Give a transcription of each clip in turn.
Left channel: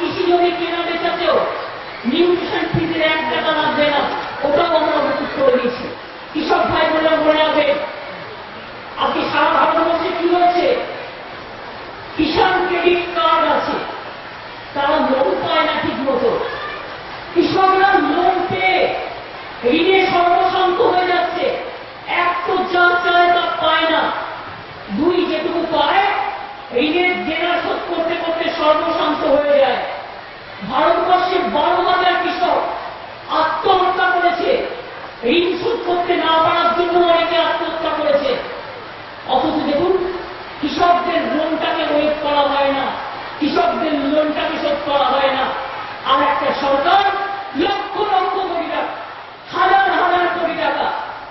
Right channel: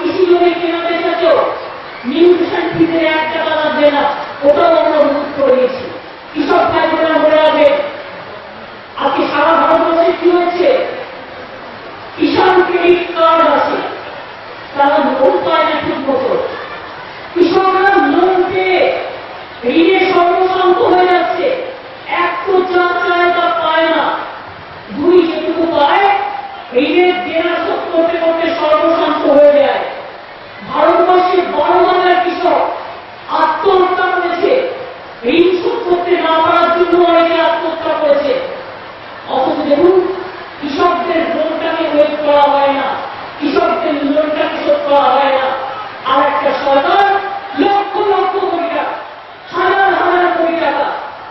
কৃষি জমি কেনা বেচাতেও নিউট্রিশন ফিজের 1 টাকা লাগবে না, ওটাও আমরা মজুত করে দিয়েছি। কৃষক ভাই বোনেরা মনে রাখবেন, আজকে সারা ভারতবর্ষে কি হয়েছে, কিষাণ ক্রেডিট কার্ড আছে, তারা লোন পায় না ঠিক মতো। কৃষকরা লোন পেয়ে ঋণে সর্বশান্ত হয়ে যাচ্ছে। এক তো যা চায় তা পায় না, 2 যেটুকু পায় ঋণের দেনা শোধ করতে করতে সর্বশান্ত হয়ে যায়। ভারতবর্ষে 12,000 কৃষক আত্মহত্যা করেছে, ঋণ শোধ করতে না পারার জন্য অনেকে আত্মহত্যা করেছে। অথচ দেখুন, কৃষকদের লোনটাকে ওয়েট করা হয় না, কৃষকদের লোনটাকে শোধ করা হয় না। আর একটা সরকার লক্ষ লক্ষ কোটি টাকা, হাজার হাজার কোটি টাকা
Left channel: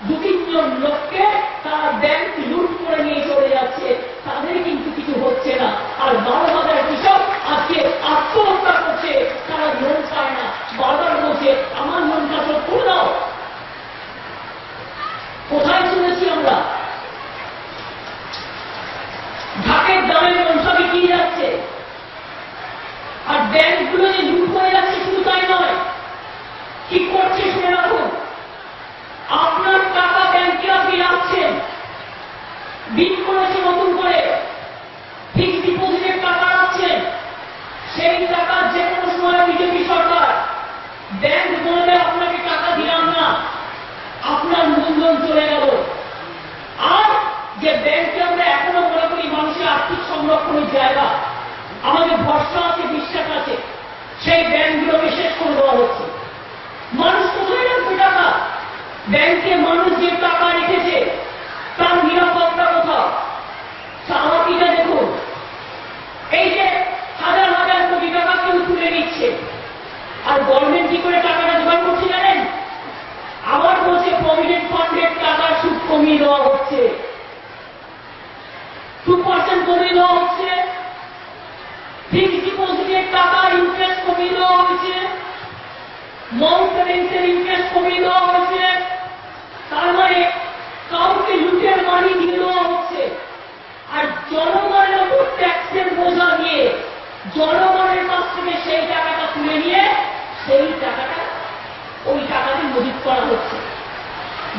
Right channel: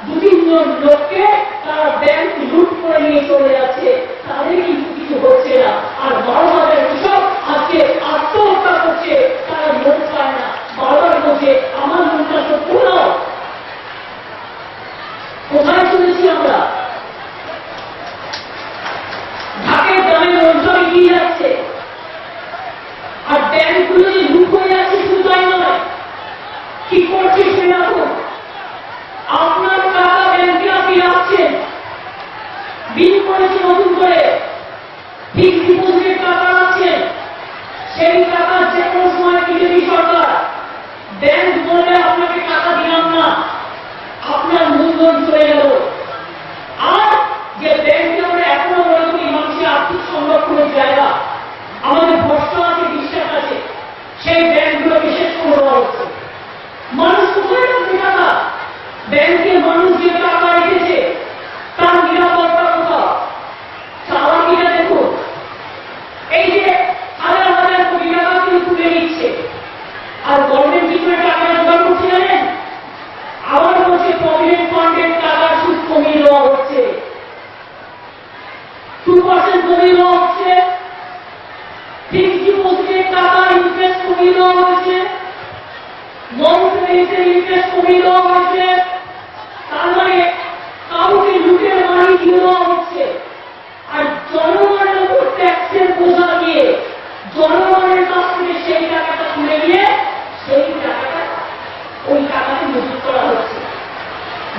2-3 জন লোককে তারা ব্যাংক লুট করে নিয়ে চলে যাচ্ছে, তাদের কিন্তু কিছু হচ্ছে না। আর 12,000 কৃষক আজকে আত্মহত্যা করছে, তারা লোন পায় না, বারবার বলছে আমার লোনটা শোধ করে দাও। কোথায় শুনেছি আমরা? ঢাকের দামে লোন সব এগিয়ে যাচ্ছে, আর ব্যাংকগুলো যে লুট হয়ে যাচ্ছে শুধু তাই নয়, কি করছে শুনে রাখুন। আপনার টাকা ব্যাংকে আপনি রাখছেন, বিল করেছে নতুন করে, ফিক্সড ডিপোজিটের টাকা রাখছেন, সেই টাকা যে কোনো সময় বিজেপি সরকার ব্যাংক বলে আপনাকে টাকা দিলাম না, আপনার মূলধন চলে গেল। আর যে ব্যাংকে আমরা এখনো মনে করি মানুষের আর্থিক সংরক্ষণের জায়গা, আমাদের ভরসা আছে, বিশ্বাস আছে, সেই ব্যাংকগুলোকে শেষ করে দেওয়া হচ্ছে। মানুষ কোথায় রাখবে টাকা? ব্যাংকে মানুষ যে টাকা রেখেছে তার নিরাপত্তা কোথাও? চালাকিটা দেখুন, এই যে হাজার হাজার কোটি টাকা কেউ তুলে নিচ্ছে, আর গভর্নমেন্ট কি করে টাকাটা জোগাড় করছে জানেন? আবার বলছে প্রভিডেন্ট ফান্ডের টাকার সুদ কমিয়ে দেওয়া হচ্ছে, 2% কমিয়ে দেওয়া হচ্ছে, ফিক্সড ডিপোজিটের টাকা ইন্টারেস্ট কমিয়ে দেওয়া হয়েছে, নন পেমেন্টের ইন্টারেস্ট কমিয়ে দেওয়া হয়েছে। তার মানে কাউকে লুটের মানি দিয়ে দেওয়া হচ্ছে। আর জনগণের উপর ট্যাক্সের বোঝা দিয়ে জনগণের কাছ থেকে সেই টাকাটা তুলে নিয়ে সেই টাকাটা ওই টাকাতে মজুত করা হচ্ছে।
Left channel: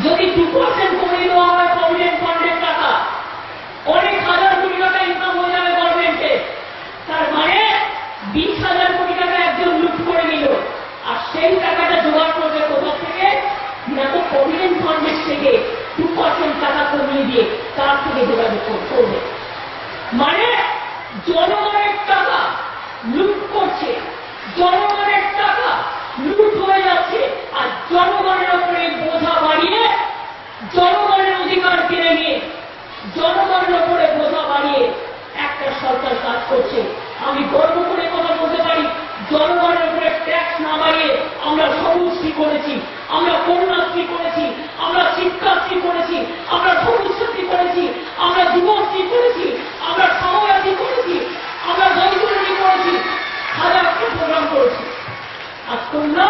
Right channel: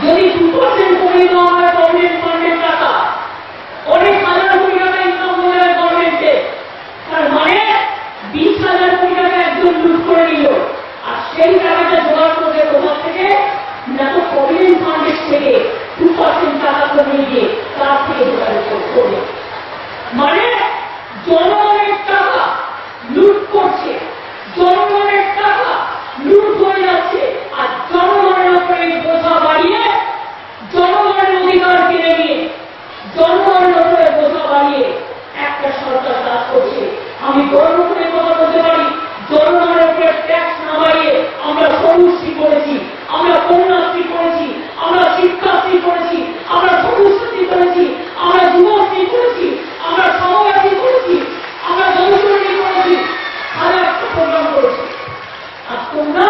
যদি 2% কমিয়ে দেওয়া হয় গভর্নমেন্ট ফান্ডের টাকা, অনেক হাজার কোটি টাকা ইনকাম হয়ে যাবে গভর্নমেন্টে। তার মানে 20,000 কোটি টাকা একজন লুট করে নিল, আর সেই টাকাটা জোগাড় করবে কোথা থেকে? না তো প্রভিডেন্ট ফান্ডের থেকে 2% টাকা কমিয়ে দিয়ে তার থেকে জোগাড় করবে। মানে জনগণের টাকা লুট করছে, জনগণের টাকা লুট হয়ে যাচ্ছে, আর জনগণের উপরে বোঝা বাড়িয়ে, জনগণের অধিকার কিনে নিয়ে জনগণের উপরে বোঝা বাড়িয়ে একটা সরকার কাজ করছে। আমি গর্ব করে কথা বলতে পারি, জনগণের উপরে ট্যাক্স না বাড়িয়ে আমরা সবুজশ্রী করেছি, আমরা কন্যাশ্রী করেছি, আমরা শিক্ষাশ্রী করেছি, আমরা সবুজশ্রী করেছি, আমরা যুবশ্রী করেছি, আমরা সময়াশ্রী করেছি, আমরা বৈতরণী করেছি, হাজারটা প্রোগ্রাম করেছি। আর তোমরা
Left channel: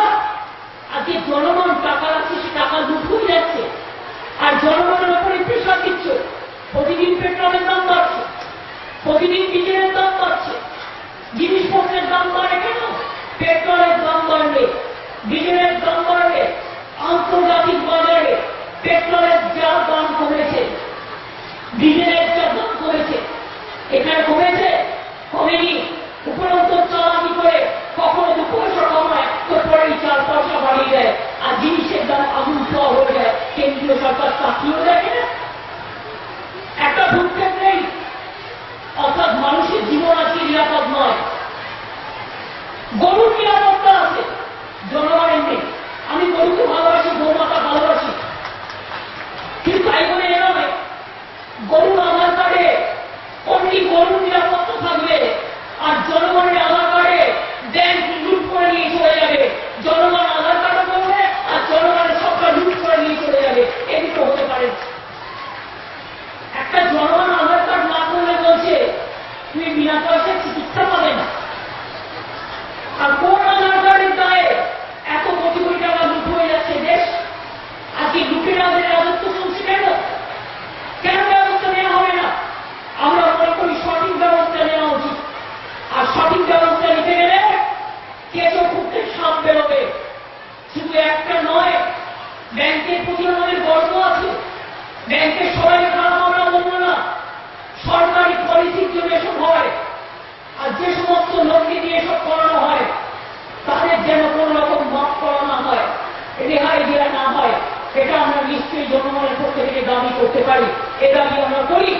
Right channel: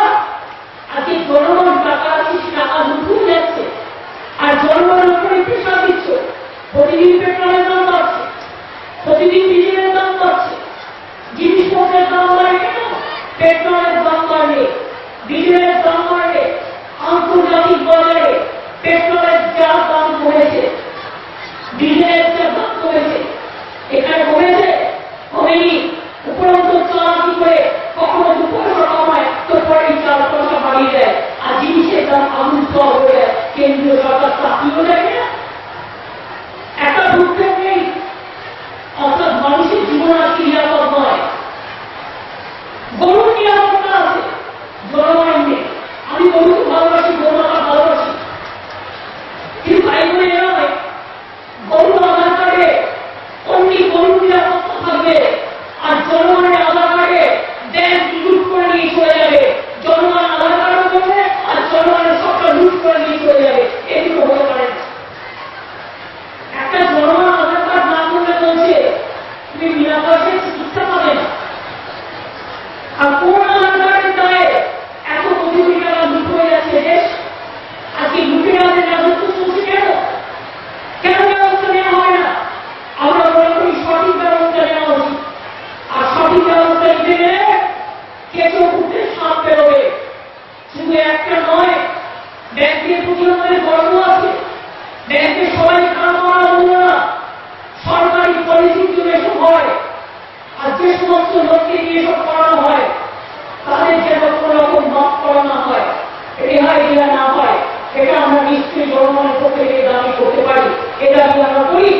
আজকে জনগণ টাকা রাখছে, সে টাকা লুট হয়ে যাচ্ছে, আর জনগণের উপরে প্রেশার দিচ্ছ। প্রতিদিন পেট্রোলের দাম বাড়ছে, প্রতিদিন ডিজেলের দাম বাড়ছে, জিনিসপত্রের দাম বাড়ে কেন? পেট্রোলের দাম বাড়লে, ডিজেলের দাম বাড়লে, আন্তর্জাতিক বাজারে পেট্রোলের যা দাম কমেছে, ডিজেলের যা দাম কমেছে, এখানে কমেছে? কমেনি। উপরন্ত চালাকি করে কখনো 2 পয়সা কমায়, তো পরেই 4 পয়সা বাড়িয়ে দেয়, আর জিনিসের দাম আগুন ছোঁয়া হয়ে যায়। কেন্দ্রীয় সরকার চাকরিও দেয় না, একটা ভূক্ষেপ নেই। অর্থাৎ মানুষের জীবন আজকে নিরাপদ নয়। গরুর নিরাপত্তা আছে, জনগণের নেই। আমি গরুকে ভালোবাসি, গোমাতা ভালোবাসি, কিন্তু তাই বলে এ নয় গরুর আধার কার্ডে অন্য গরুর নিরাপত্তা থাকবে ব্যাংকের প্রতি আমাদের গর্ব আছে। ব্যাংকের সবাই খারাপ আমরা বলবো না, সরকারি পলিসির জন্য এসব হয়। আর যে সমস্ত লোককে নিয়ে এসব করানো হয় তাদের যেন কোনো রকম মাফ করা না হয়, রেহাই দেওয়া না হয়, সেটা আমরা নিশ্চয়ই জনগণের পক্ষে থেকে দাবি করতে পারি। এ দাবি আমরা করি।